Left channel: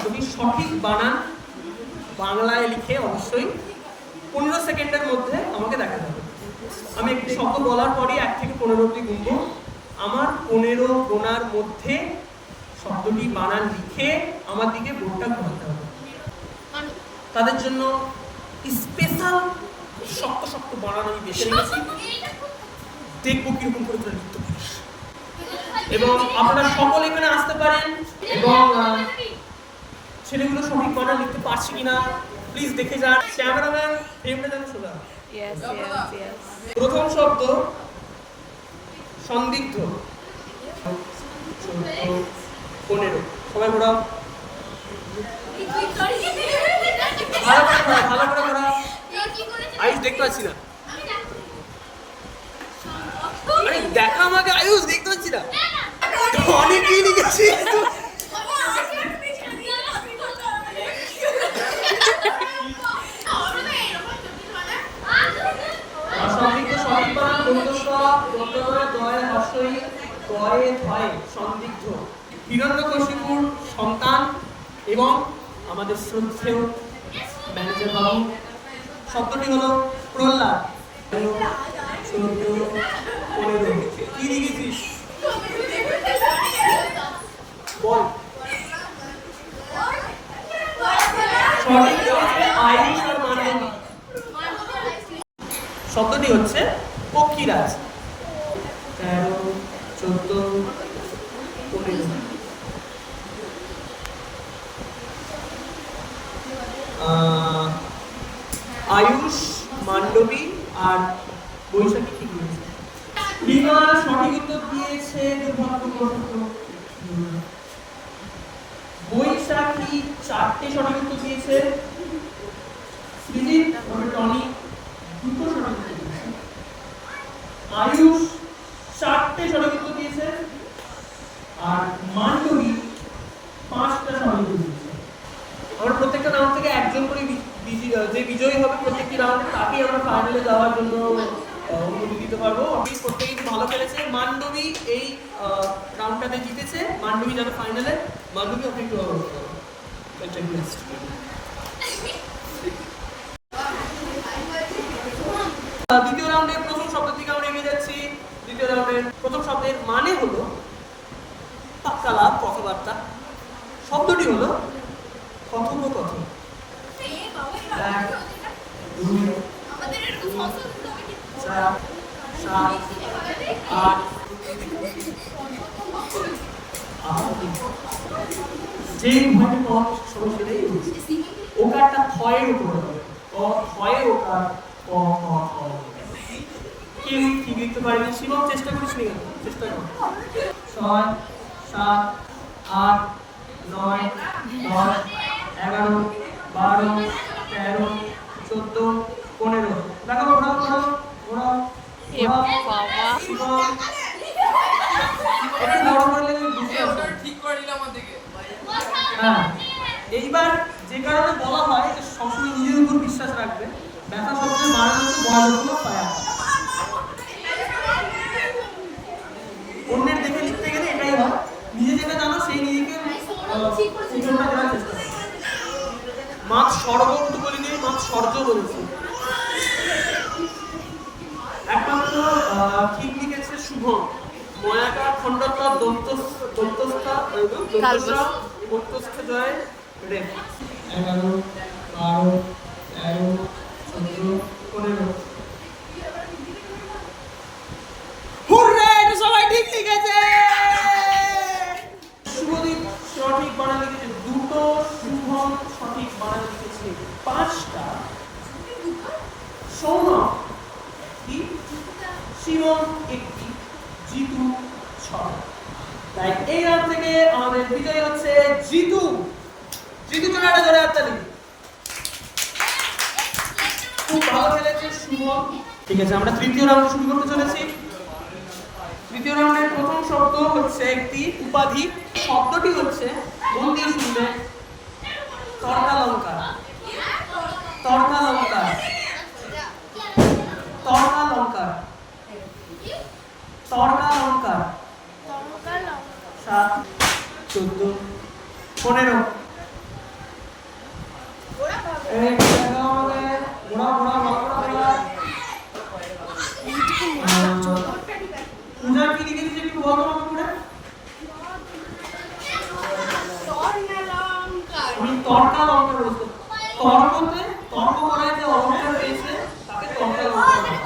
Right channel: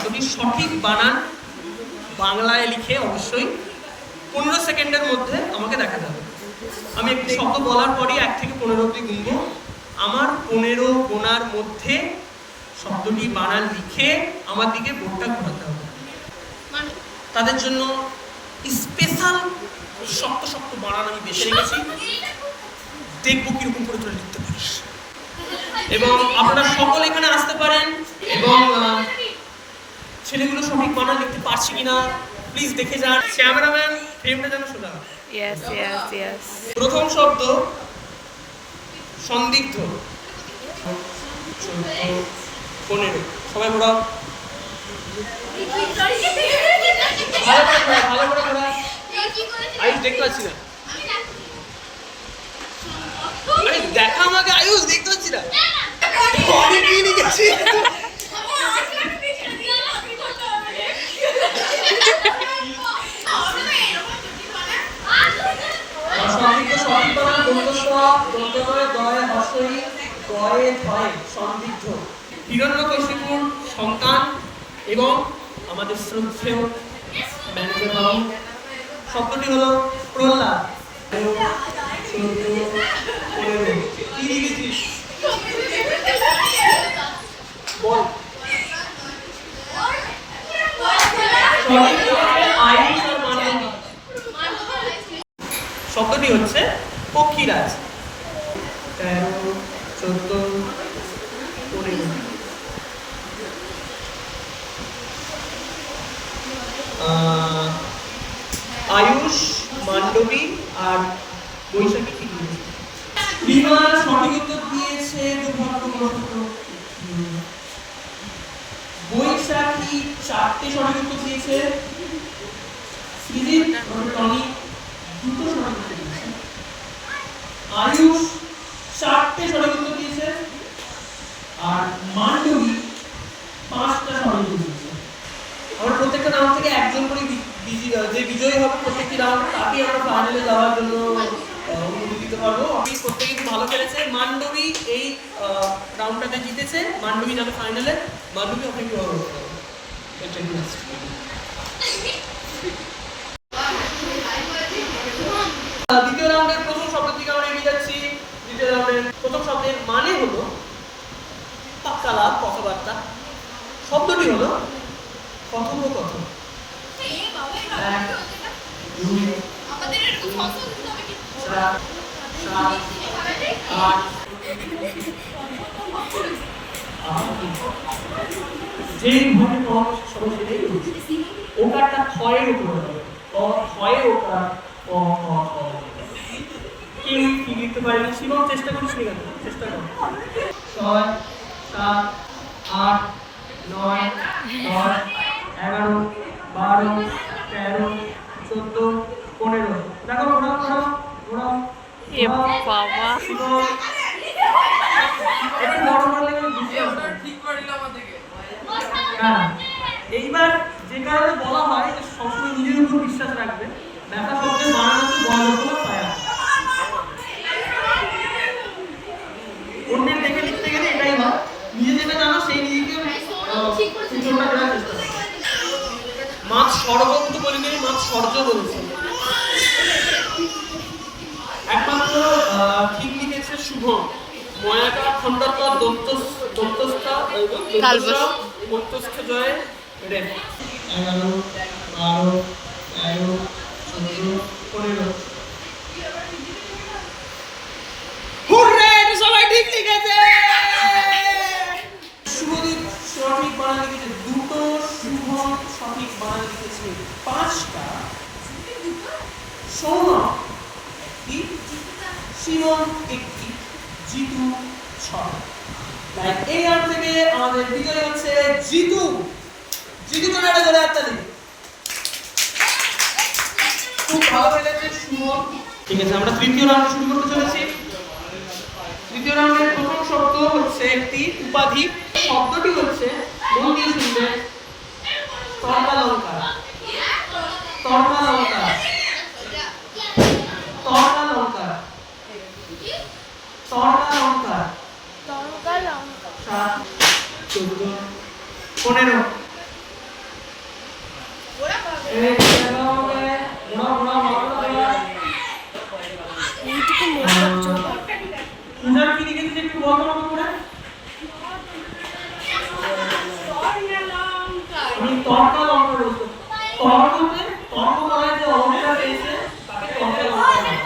শব্দটির সঠিক বানান বাংলায় লিখে অবশ্যই 15 সেকেন্ডের মধ্যে আমাকে দেখাতে হবে। আমি একটি শব্দ বলার পরই 1 থেকে 15 অবধি গুনবো। আমার 15 গোনার মধ্যে শব্দটি বানান লিখে আমার দিকে বোর্ডটা ঘোরাতে হবে। তাদের জন্য স্পেশাল শক্ত শক্ত বানান আমি বেছে রেখেছি, দেখবো কিরকম করে তোরা লিখতে পারিস। এবং আপনারা সকলে এখানে আসতে পারেন এবং ছেলেগুলো সঠিক বানান লিখতে পারছে কিনা প্লিজ দেখে যান। ক্যামেরাম্যান ফ্রেমটা যেন সোজা। প্রথম শব্দ সন্দিগ্ধ। 15 সবাই ঘোরাও, ভালো করে ঘোরাও। আয়ুষ দেখতে পাচ্ছি না, দেখা আমাকে। আয়ুষ দেখতে পাচ্ছি না, আমি কি লিখেছি? সন্দিগ্ধ। হিরণ্যকশিপুর সন্তান এবং আমাদের শ্রদ্ধেয় ম্যানেজার বাবু। শব্দটি হলো প্রহ্লাদ। কি লিখেছিস বল। শব্দটি হচ্ছে পক্ষীরাজ। 13, 14, 15। আয়ুষ, মান্ডবী আর বৈশাখী ঠিক বলেছে। বিমান সঠিক উত্তর দিয়েছে দুর্ভাগ্যবশত। বৈশাখী 4টে সঠিক উত্তর দিয়েছে। সৃজিত টনি 2টো সঠিক উত্তর দিয়েছে। আয়ুষ 4টে সঠিক উত্তর দিয়েছে আর মান্ডবী 5টা সঠিক উত্তর দিয়েছে। আমরা প্রত্যেকটা রাউন্ড থেকে একজন করে যে বিজয়ী হবে প্রত্যেকটি রাউন্ডে তাকেই আমরা ফাইনালে যাওয়ার জন্য অনুমতি দিতে পারবো। আমি প্রত্যেকেই খুব ভালো খেলেছে। মান্ডবী এই রাউন্ডটাতে জিতেছে, মান্ডবী যাবে ফাইনালে। মান্ডবী ওকে একটু ভালো করতে হবে। দ্বিতীয় রাউন্ডের প্রথম শব্দ দিকে আমরা এগিয়ে যাচ্ছি। দ্বিতীয় রাউন্ডের প্রথম শব্দের মানে হলো পাক্কালাপ, কথাবার্তা। শব্দটি হলো কথোপকথন। যে ঘরে সরাসরি ওকারটা ক্ষয়ের উপরে হবে, ক্ষয়ের ওকার কেউ ঠিক লিখতে পারে না। শিবম চেষ্টা করিস নি, চেষ্টা কর। 6, 7, 8, 9, 10, 11, 12, 13, 14, 15। দেখো ঘোরাও। এ বাবা, এটা বড় করলে ঠিক করে দিলাম আমাদেরকে। হ্যাঁ, এইবার যে কারণে বলা হয় যে সবসময় নিজের উপর বিশ্বাস রাখবে। ব্যথা শব্দের বানান হচ্ছে বয়লক্ষ্য ছায়া। অন্যের দেখে লিখতে গেলে এটাই হয়, নিজে যেটা জানো সেই নিজেকে উচ্চারণ করার চেষ্টা করো। মাছ স্বর্গ কিন্তু বলিনি, মাছ স্বর্গ বলেছে। একমাত্র ঠিক লিখেছে শুভম। ময়াকা খন্দত্তা দন্তস্থা মধ্যস্থ জয় রেন। 11, 12, 13, 14, 15। হুররে, সবাই ঠিক লিখেছে। শুভদীপ সঠিক বানান লিখেছে 2টো, শুভম সঠিক বানান লিখেছে 5টা, সৌরভ 1টি, শিবম 1টি, জিতু 6টা। তাই এই রাউন্ড থেকে আমাদের বিজয় হচ্ছে জিতু। জিতুর জন্য একটা জোরে হাততালি। খুব ভালো খেলেছে শুভম। ঠিক আছে, আমরা তৃতীয় রাউন্ড শুরু করতে চলেছি। তৃতীয় রাউন্ডের প্রথম শব্দ হচ্ছে একটি উপাধি। শব্দটি হচ্ছে, মন দিয়ে শুনবে, তর্কালঙ্কার। তর্কালঙ্কার, তর্কালঙ্কার, তর্কালঙ্কার। 7, 14, 15। এই জায়গা হবে ঘোড়া পূজা কি লিখেছিস একটু বলো আমাকে পূজা। আমি তর্কা লঙ্কা বলছি। তর্ক বলতে তর্ক করার যে অলঙ্কার পেয়েছে তাকে তর্কা লঙ্কা বলে।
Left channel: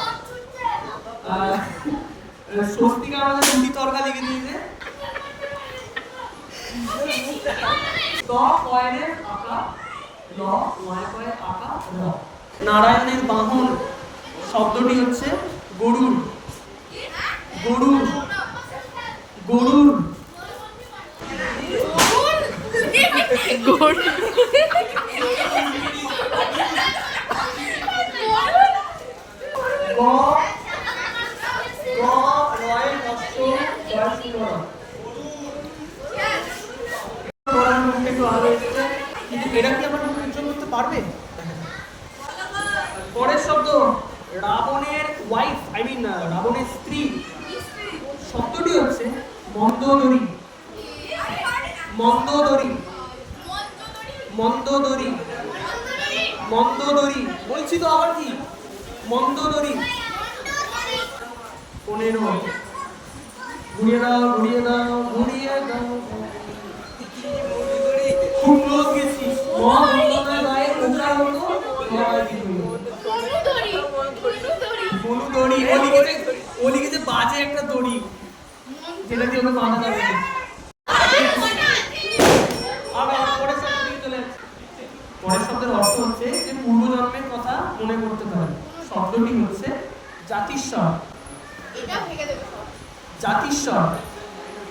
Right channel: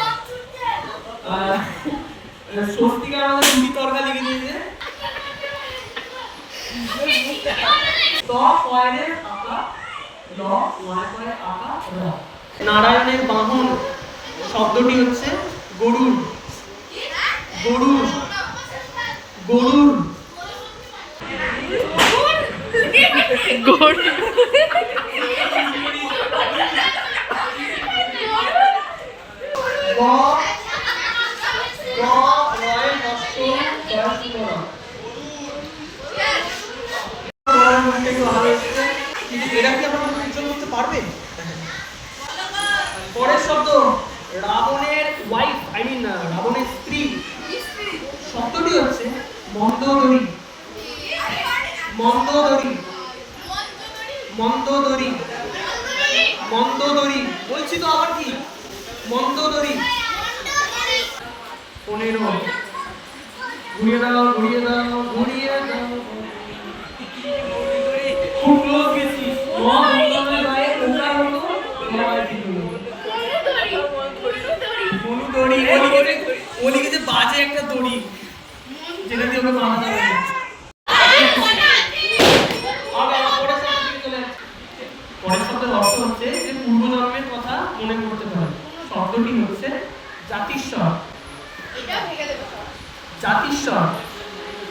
স্বস্তিকা আমাদের দুটি তর্কা লিখে দিয়েছে। ত কয়ের আঁকা ল কয়ের আঁকা র। নারায়ণের বাহন শব্দটি হচ্ছে গরুর। গরুর গরুর গোড় গ গ রয় নষ্ট করা শুরু এটা কি আমরা উজ্জ্বল করতে পারবে? পরের শব্দ রাবণের ওয়াইফ রাবণের স্ত্রী শব্দটি হচ্ছে মন্দোদরী। মন্দোদরী মন্দোদরী মন্দোদরী বলছি তো আবার কি মন্দোদরী। কোনের মত ঘুরিয়ে দাও ঘুরিয়ে দাও ঘুরিয়ে দাও খুব ক্লোজ গেছিস মহাভারতের গায়ে ওটা হলো দড়ি ও লিখেছে বাজে একটা দড়ি যেটা দিয়ে ওকে বাঁধা যাবে। পরের শব্দের অর্থ হচ্ছে যে পূর্বজন্মের কথা মনে করতে পারে। শব্দটি হচ্ছে জাতিস্বর। জাতিস্বর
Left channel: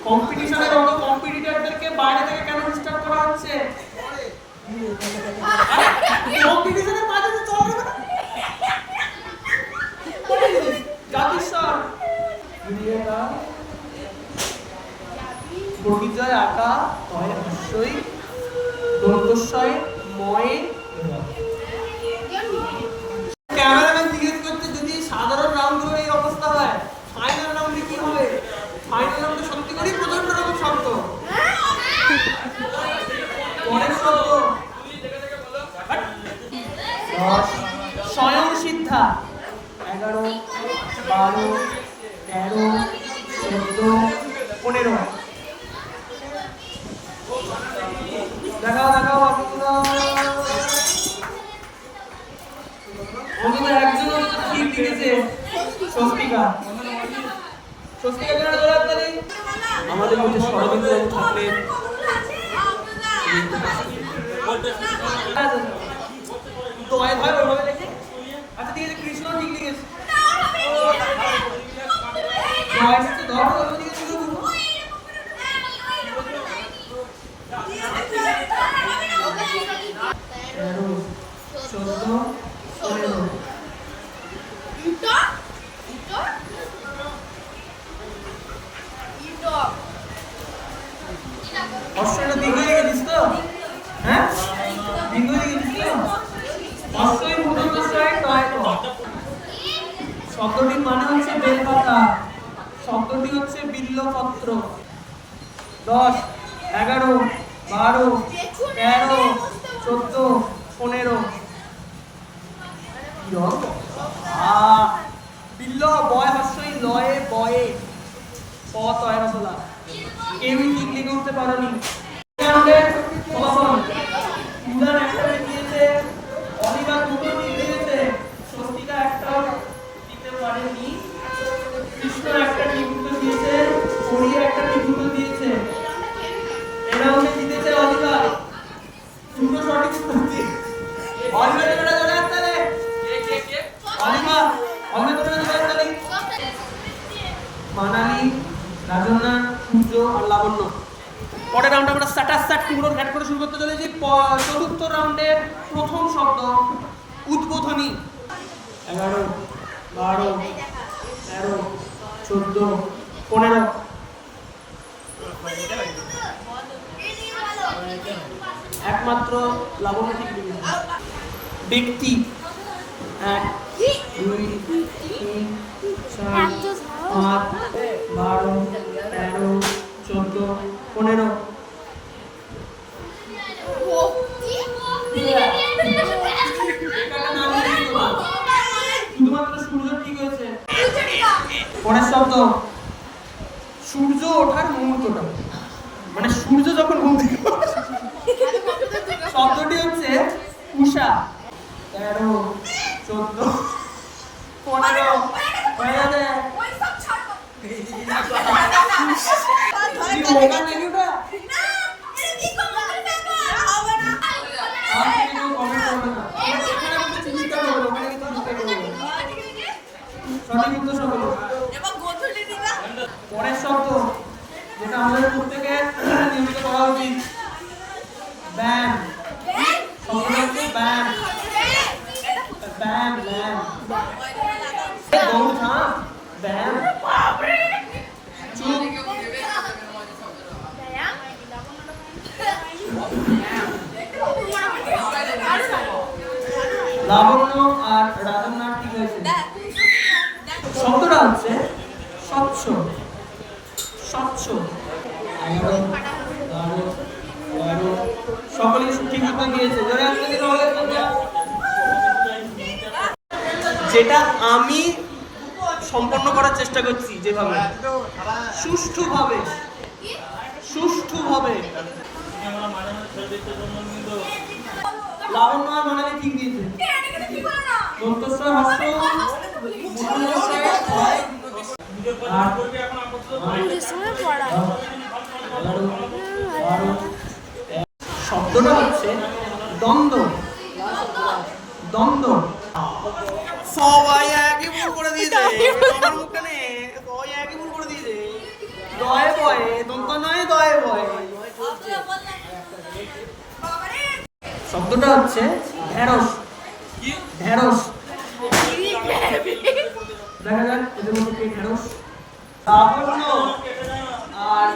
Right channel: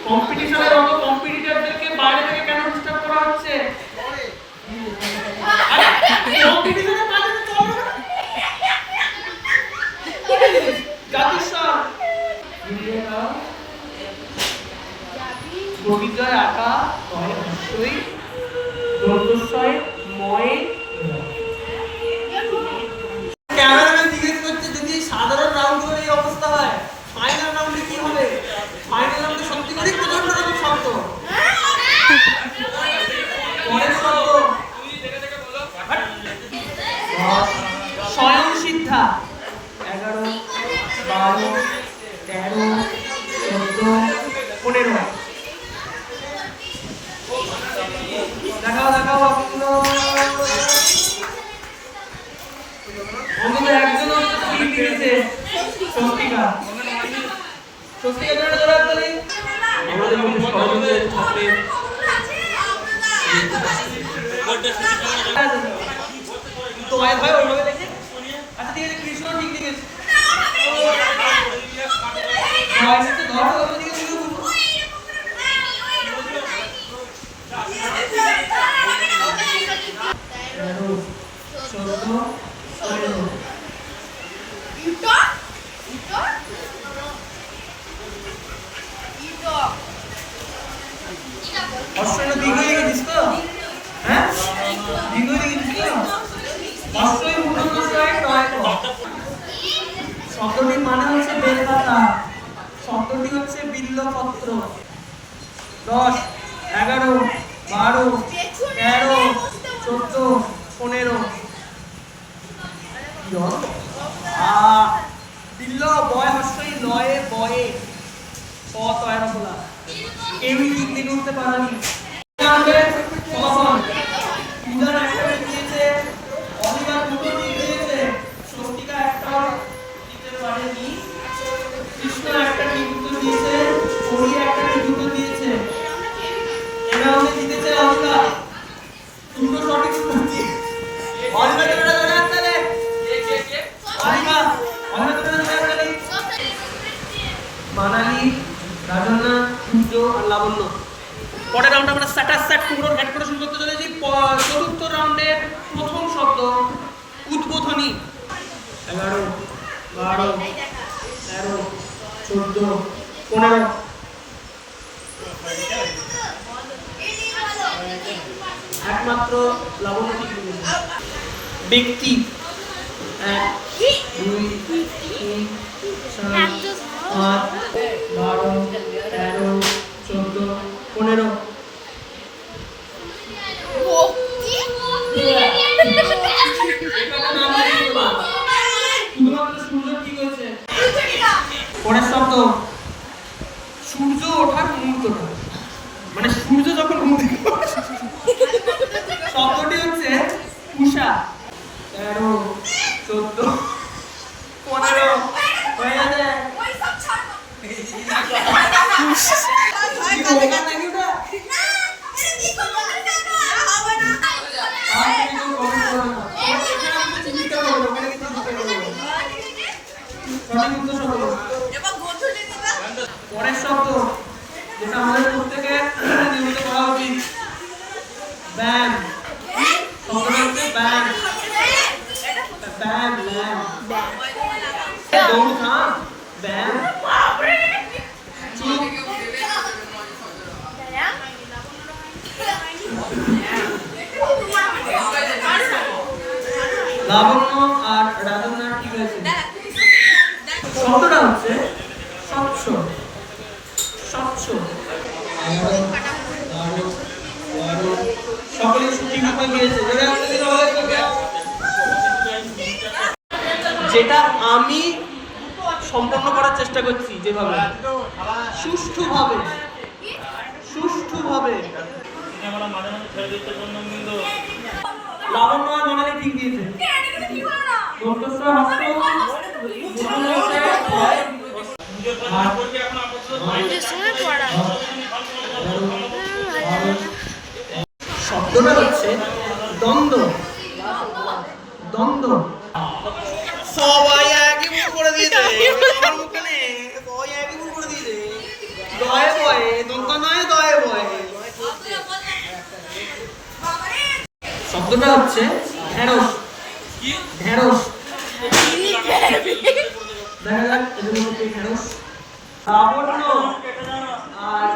কম্পিটিশনের অত কম্পিটিটরদেরকে বাইরে থেকে কেন ডিস্টার্ব করা হচ্ছে? কম্পিটিশনের কাজে তো চলবে না। জাতিস্বর বগিজয় আঁকা কয় হস্যই দন্তস্বয় ময়ে। ক্যামেরাম্যান জিজ্ঞেস করছে যদি সাধারণ রাউন্ডগুলো এই অবস্থা হয় ফাইনাল রাউন্ডে কি হবে? ফাইনাল রাউন্ডে সত্যি করে প্রচন্ড রকম শব্দ। পরের শব্দ স্বয়ং সিদ্ধা 11 12 13 14 15 দেখাও দেখাও আমাদের একজন ঠিক লিখেছে স্বস্তিকা। স্বস্তিকা জন্য ধরে তাহলে আমাদের মধ্যে সহযোগিতা থাকবে। তো ভাই ভাই ওইভাবে লিখে আচ্ছা ঠিক আছে কৃষ্ণ ঠিক লিখেছে। ভয়েসটা ধরো ওইভাবে লিখে শুরু করো। শব্দটির মানে হচ্ছে বেলপাতা। শব্দটি হচ্ছে বিল্লপত্র। 10 11 12 13 14 15 বিল্ল বয় হস্যই লয়ে বয়ে ক তয়ের বলা। কেউই ঠিক লিখে উঠতে পারেনি। ফলাফল ইদার একটা দিয়েছে, অলিভার দুটো দিয়েছে, স্বস্তিকা একটাও দিতে পারেনি, কৃষ্ণ একটা ঠিক উত্তর দিয়েছে, হরি একটা ঠিক উত্তর দিয়েছে। এরা হচ্ছে জিতেছে অলিভার। দুটো সঠিক উত্তর দিয়ে অলিভারের একটা ধরে আসতে রে অলিভার অলিভারের ধরে আসতে মানালি রাজনা সূর্য আর লাবণ্য। পরের রাউন্ডে আমরা স্যাট টুকরো অ্যাড করে শুরু করতে চলেছি। চতুর্থ রাউন্ডের প্রথম শব্দ উদ্বোধনী। 11 12 13 14 15 একমাত্র লাবণ্য ঠিক লিখেছে। ব্যক্তি 1 2 3 4 5 12 13 14 15 Oh, পরের শব্দ সূর্য ওঠার মুহূর্তটা, মানে সূর্য যখন ঘুম থেকে ওঠে। শব্দটি হচ্ছে উষা। 13, 14, 15 হয়ে গেছে। কি ওটা নাকি ওটা? পরের শব্দ যেটা আমাদের প্রত্যেকের নিয়মিত করা উচিত, ব্যায়াম। শব্দটা হচ্ছে ব্যায়াম। ব্যায়াম ব্যায়াম দৌড় থাম ব্যায়াম। চুপ। লাবণ্য আর রাজনার ঠিক আছে। শব্দটা হচ্ছে স্বচ্ছ। স্বচ্ছ। সকলে ঠিকভাবে গিয়েছে। যেটা আমি সম্পন্ন করার চেষ্টা করছি, যেভাবে সুষ্ঠুভাবে সুষ্ঠুভাবে। লাবণ্য আর মানালি ঠিক দিয়েছে। মন্তস্বর হাস্য শব্দটা হচ্ছে দ্বন্দ্ব। দ্বন্দ্ব। সবাই একই ভুল করে দিয়েছে। সবাই একই ভুল করে দিয়েছে। দয়ে বয়ে দন্ত নয়, দয়ে বয়ে। শব্দটা হচ্ছে ঢেঁড়স। ঢেঁড়স। দেখা যাক এদের মধ্যে ঢেঁড়স। লাবণ্য আর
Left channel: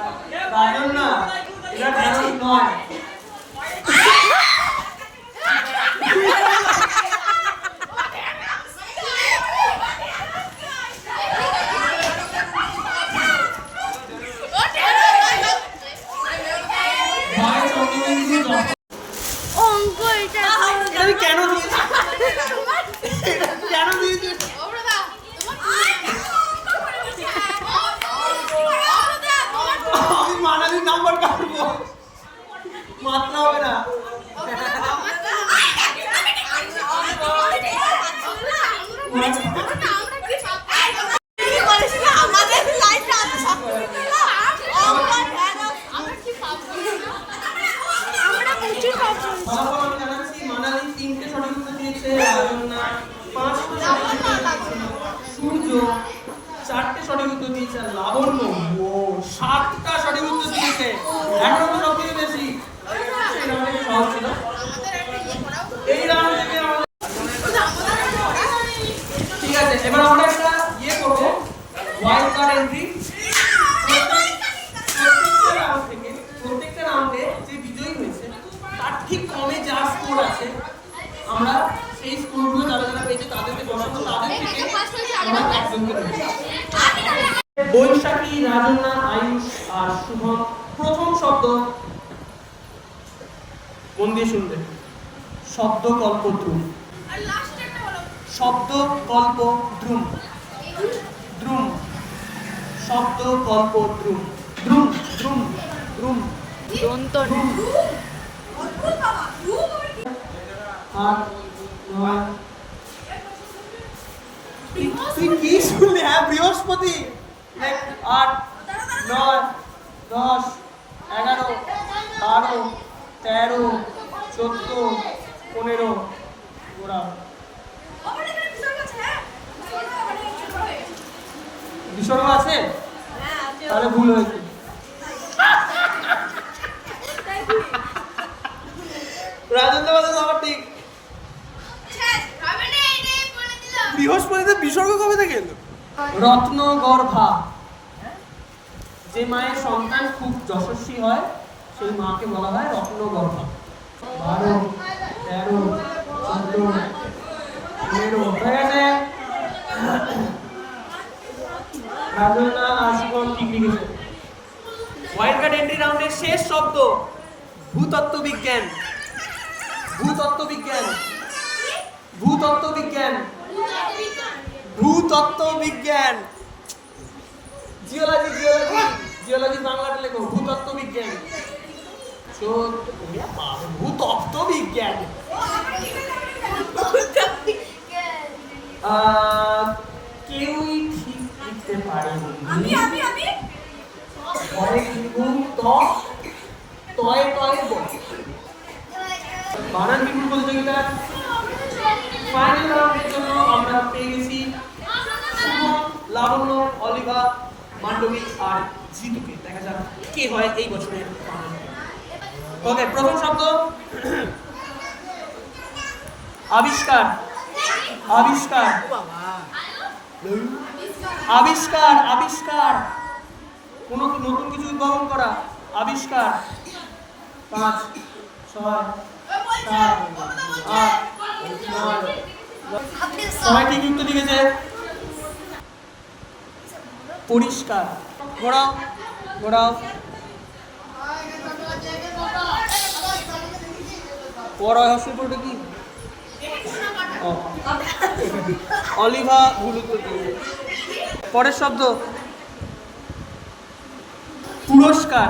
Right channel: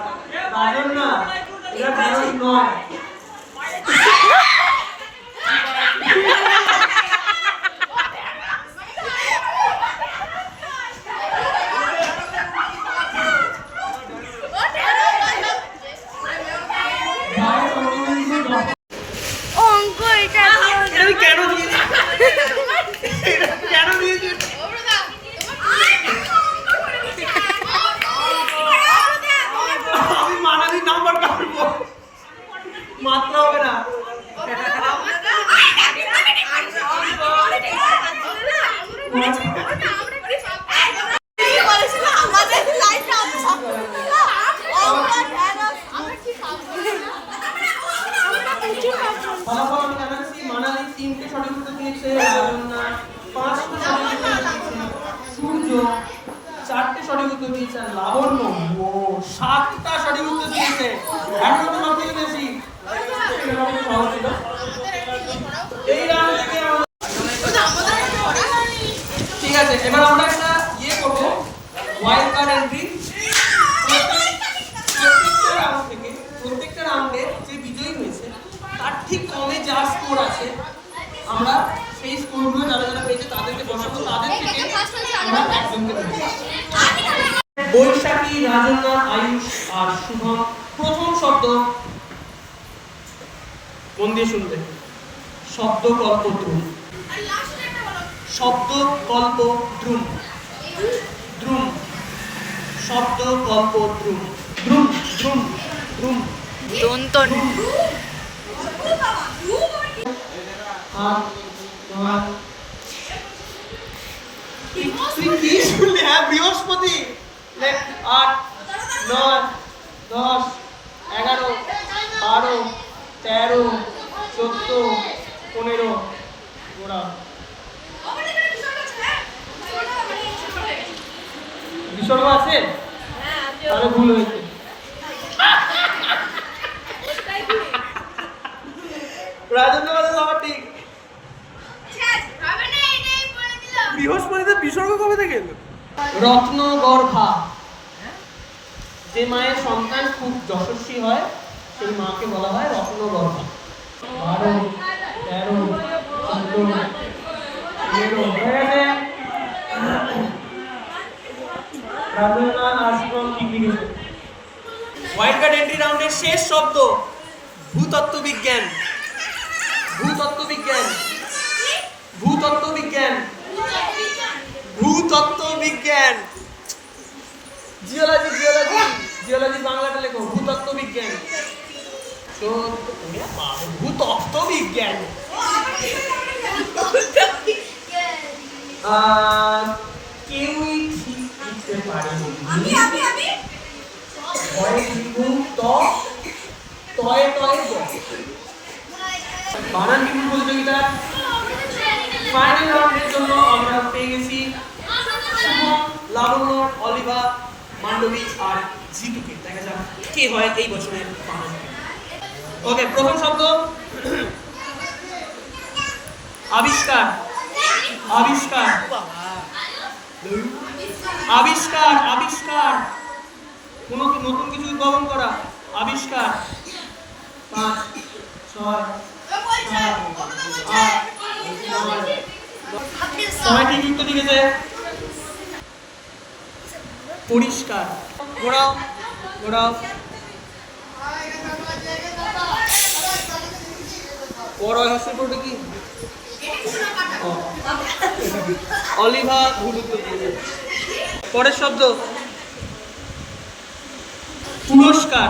রাজন্যা এরা ঢেঁড়স নয়। অঙ্ক এটা কেন দিয়েছি? কেন দিয়েছি? আমি মানালি নাম্বার কাটবো, মাত্র হবে না। আমাদের লাইফটা এত শক্ত না। ফলাফল আমি জানাচ্ছি, মানালি 3টে সঠিক উত্তর দিয়েছে, রাজন্যা 5টা সঠিক উত্তর দিয়েছে, সূর্য 4টে সঠিক উত্তর দিয়েছে, আর লাবণ্য 7টা সঠিক উত্তর দিয়েছে। রাজন্যা তো সবথেকে বেশি। এই রাউন্ড থেকে আমাদের ঠিক আছে। এবার আমরা একটা ইয়ে করবো, ওয়াইল্ড কার্ড এন্ট্রি। প্রত্যেকটা রাউন্ডে যে বিজয়ী হয়েছে তার ঠিক কমে যার স্কোর আছে, আমরা সেই স্কোরগুলো যারা যারা পেয়েছে তাদেরকে বসাবো, তাদের থেকে আমরা একজনকে দেবো। বৈশাখী, রাজন্যা, আয়ুষ আর শুভম। প্রথম শব্দ মন দিয়ে শুনবে, শব্দ কল্প ধ্রুম। শব্দ কল্প ধ্রুম। ধ্রুম। শব্দ কল্প ধ্রুম। Drum drum drum. দন্তন তুই কি শুনলে? হ্যাঁ, বৃহস্পতি। 8, 9, 10, 11, 12, 13, 14, 15। বিসর্গ আছে? তাহলে ভুল হয়েছে। রাজেন্দ্র বলে সবার ঠিক। বৃহস্পতিতে বিসর্গ কবে থেকে এলো? রত্নগর্ভা। যে মায়ের সন্তান খুব যশস্বী হয় সেই মাকে বলা হয় রত্নগর্ভা। 12, 13, 14, 15 হয়ে গেছে। রাজেন্দ্র আর শুভম ঠিক লিখেছে। ওয়াইল্ড কার্ড এন্ট্রি রাউন্ডের শেষ শব্দ ভূতত্ত্ববিজ্ঞান। ভূতত্ত্ববিজ্ঞান। ভূতত্ত্ববিজ্ঞান। ভূতত্ত্ববিজ্ঞান। জিওলজি বাংলাটা লেখো, ভূতত্ত্ব বিজ্ঞান। তো ভূতত্ত্ব বিজ্ঞান। কেউই ঠিক লিখতে পারেনি। ঘরে লিখবো তয়ে বানান বিপুল প্রতিযোগিতার ফাইনাল রাউন্ডের জন্য আমরা পেয়ে গেছি শুভম, লাবণ্য, অলিভা, মান্ডবী আর জিতুকে। দেখা যাক কে হয় এই বছরের ফাইনাল। ওকে, প্রথম শব্দ আবিষ্কার। আবিষ্কার আবিষ্কার আবিষ্কার কোনো নতুন কিছু উদ্ভাবন করা। আবিষ্কার। 5 6 7 8 9 ঠিক উত্তর দিয়েছে। পরিষ্কার। ঘোরাও ঘোরাও। বড় হাসি পড়বে কি? অলিভা ভুল উত্তর দিয়েছে। পরের শব্দ পুরস্কার।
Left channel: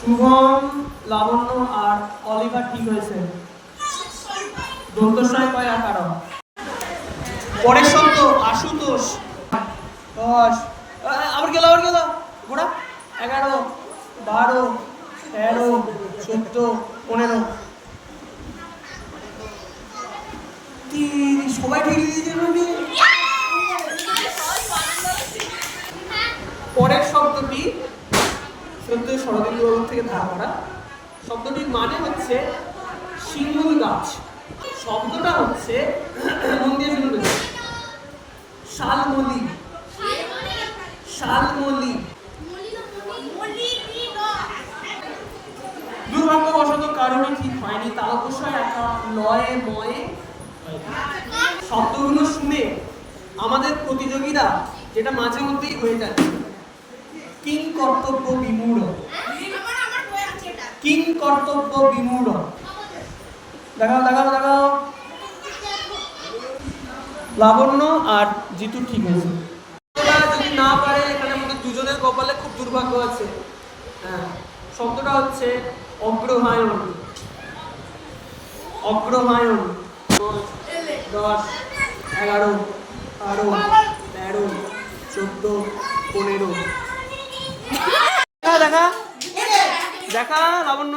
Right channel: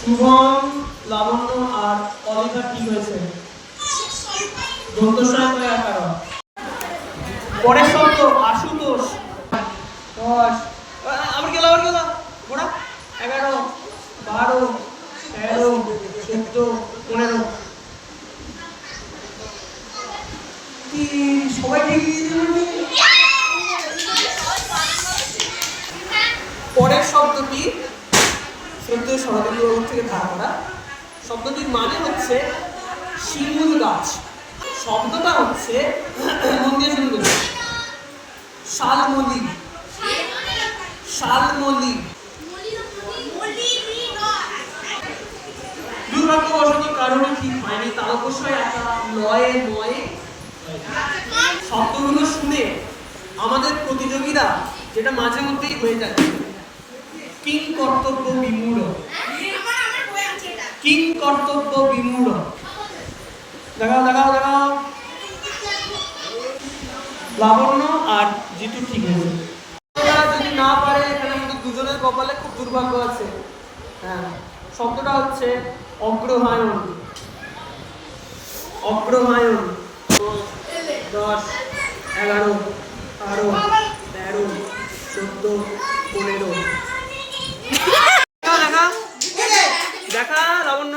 শুভম, লাবণ্য আর অলিভা ঠিক হয়েছে। পরের শব্দ আশুতোষ। 10 আবার গেল ঘোড়া। 11 12 13 14 15 সবাই ঠিক দিয়েছে। পরের শব্দটি শ্রদ্ধেয় শরদিন্দুবাবুর থেকে ধার করা। শব্দটির মানে হচ্ছে শিমুল গাছ। শব্দটা হচ্ছে মন দিয়ে শুনবে শালমলি। শালমলি। দুর্ভাগ্যবশত কারণে ঠিক হয়নি, তা অবশ্যই একটা লয়ে ময়ে শব্দগুলো শুনে আমাদের প্রতিযোগীরা যেটা মাঝে মধ্যেই হয়ে যাচ্ছে কিং কর্তব্য বিমূঢ়। কিং কর্তব্য বিমূঢ়। দেখাও। লাবণ্য আর জিতু ঠিক আছে। যদি না পারে এখানে আমাদের দুজনের কপালে খুব দুর্ভাগ্য আছে। হ্যাঁ, শব্দটা হচ্ছে অগ্রহায়ণ। অগ্রহায়ণ। 10 11 12 13 14 15 দেখা লাবণ্য।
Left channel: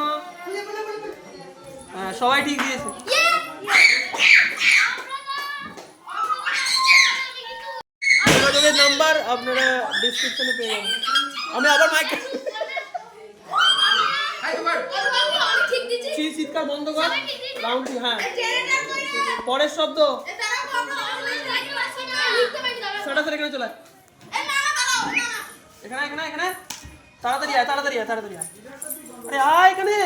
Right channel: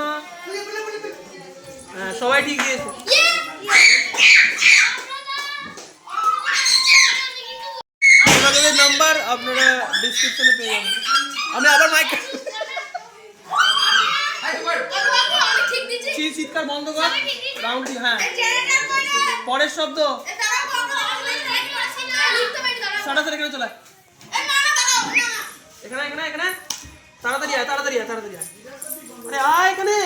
হ্যাঁ, সবাই ঠিক দিয়েছে। যোগাযোগের নাম্বার আপনারা ডেসক্রিপশনে পেয়ে যাবেন। আমি আবার মাইক চিৎকার বন্ধ কর। রাউন্ড। হ্যাঁ, পরের শব্দ সরাসরি এখানে চলে এখানে তাড়াতাড়ি আয়। আরে আয় এখানে।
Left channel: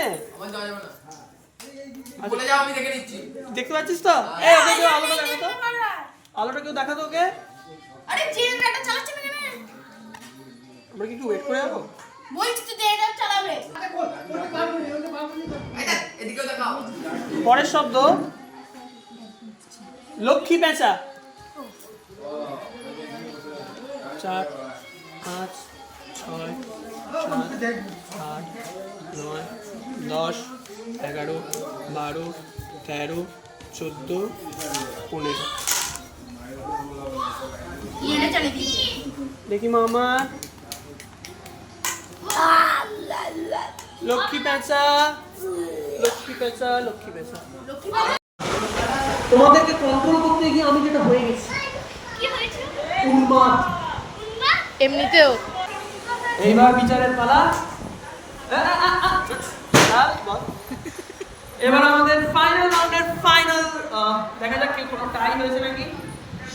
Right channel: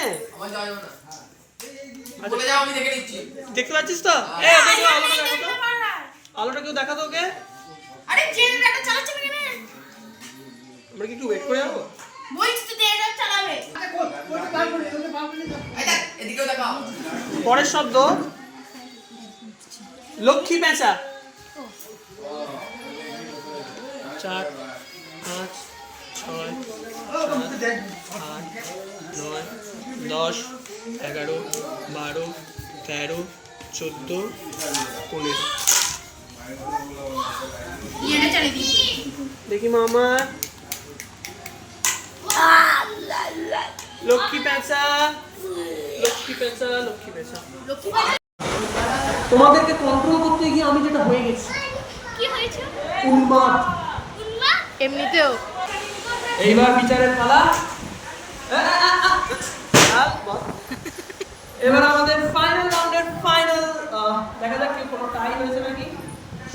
দেখতে পাচ্ছিস তো? আলোটা কেউ দেখাতো ওকে। আমরা কি একটু ওয়েট করে যাবো? পরের শব্দ লক্ষ্মী পেঁচা। 4 5 6 7 8 9 10 11 12 13 14 15 দেখি মামা। লক্ষ্মী পেঁচা। তোমাদেরকে কন্ট্রোল করতে গিয়ে আমি যেটা হয়ে গেছি উন্মাদ। এমনিতেও এইবার বিচারের পালা। এবার আমাদের ফাইনাল রাউন্ডের ফাইনাল। দেখা যাক কেউ কোনো টাই হয়েছে নাকি।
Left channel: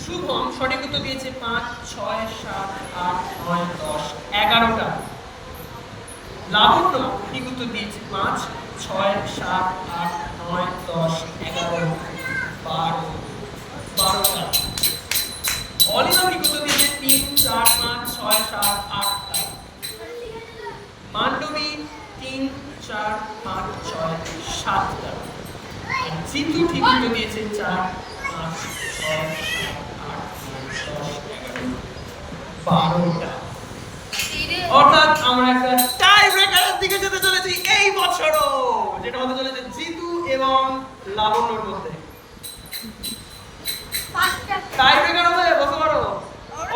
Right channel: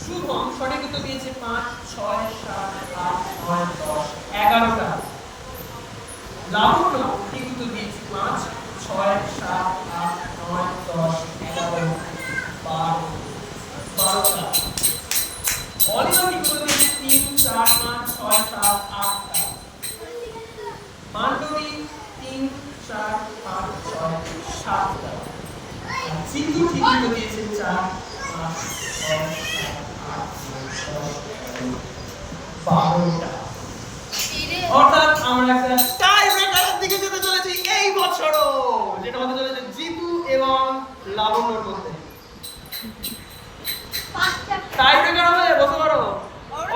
শুভম সঠিক উত্তর দিয়েছে 5 6 7 8 9 10 11টা। লাবণ্য ঠিক উত্তর দিয়েছে 5 6 7 8 9 10 11 12টা। অলিভা ঠিক উত্তর দিয়েছে 3 4 5 6 7 8টা। মান্ডবী 3 4 5 6 7টা। আর জিতু ঠিক মতো দিয়েছে 4 5 6 7 8 9 10 11 12টা। অর্থাৎ আমরা একটা টাই ব্রেকারের দিকে যেতে চলেছি এই বছরও, যেটা হতে চলেছে জিতু এবং লাবণ্যর মধ্যে। টাই ব্রেকার হবে, বসে পড়ো।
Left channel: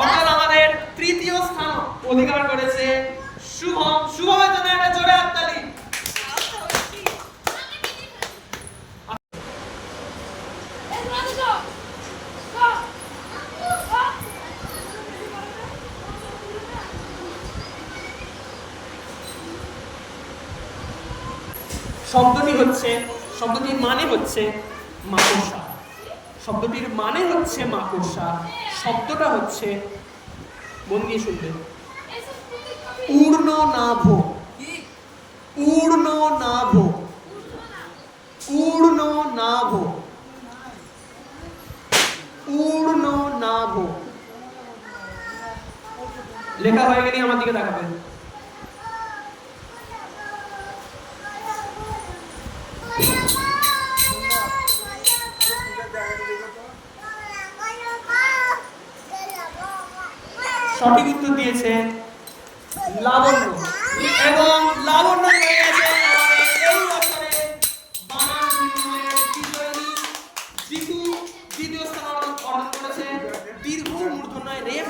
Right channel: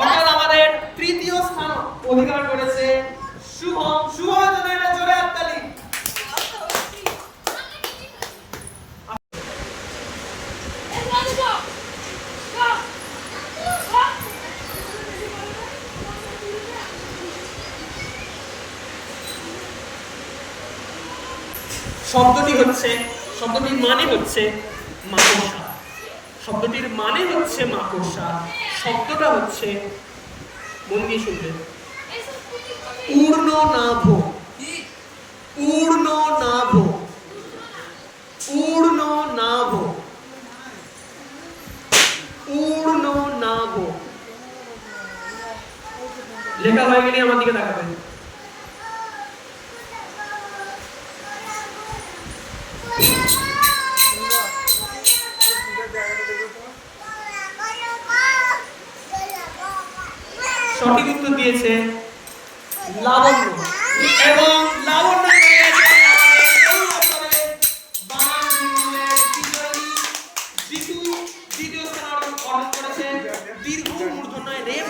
অর্থাৎ আমাদের তৃতীয় স্থান অধিকার করেছে শুভম। শুভমের জন্য একটা জোরে হাততালি। শব্দটির মানে হচ্ছে মাকড়সা। শব্দটির মানে হচ্ছে মাকড়সা। শব্দটা হচ্ছে, মন দিয়ে শুনবে, ঊর্ণনাভ। ঊর্ণনাভ। ঊর্ণনাভ। ঊর্ণনাভ। লেখা হয়ে গেলে আমার দিকে তাকাবেন। সঠিক উত্তর দিয়েছে লাবণ্য এবং লাবণ্য পেয়েছে এই বছরে বানান বিভাগের বিজয়ী। জিতু দ্বিতীয় স্থান অর্জন করেছে দীর্ঘ মূর্ধন্যয় রেফ।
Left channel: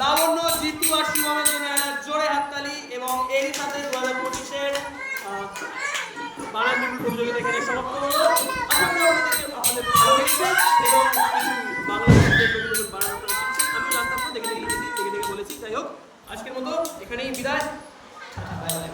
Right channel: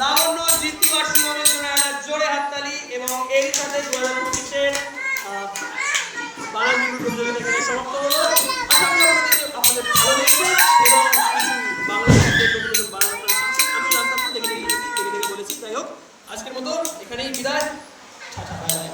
লাবণ্য, জিতু আর শুভমের জন্য একটা জোরে হাততালি। এবং এর সাথে 2025-এর বানান বিভাগ প্রতিযোগিতা এখানে সমাপ্ত হলো। আশা করি আপনাদের ভালো লেগেছে এবং কিছু বাংলা শব্দের নতুন নতুন বানান আপনারা শিখছেন। আমি জানতাম না, দেখে দেখে বলেছি। যাই হোক, আজকের মতো এখানেই বিদায়। Tata, bye bye.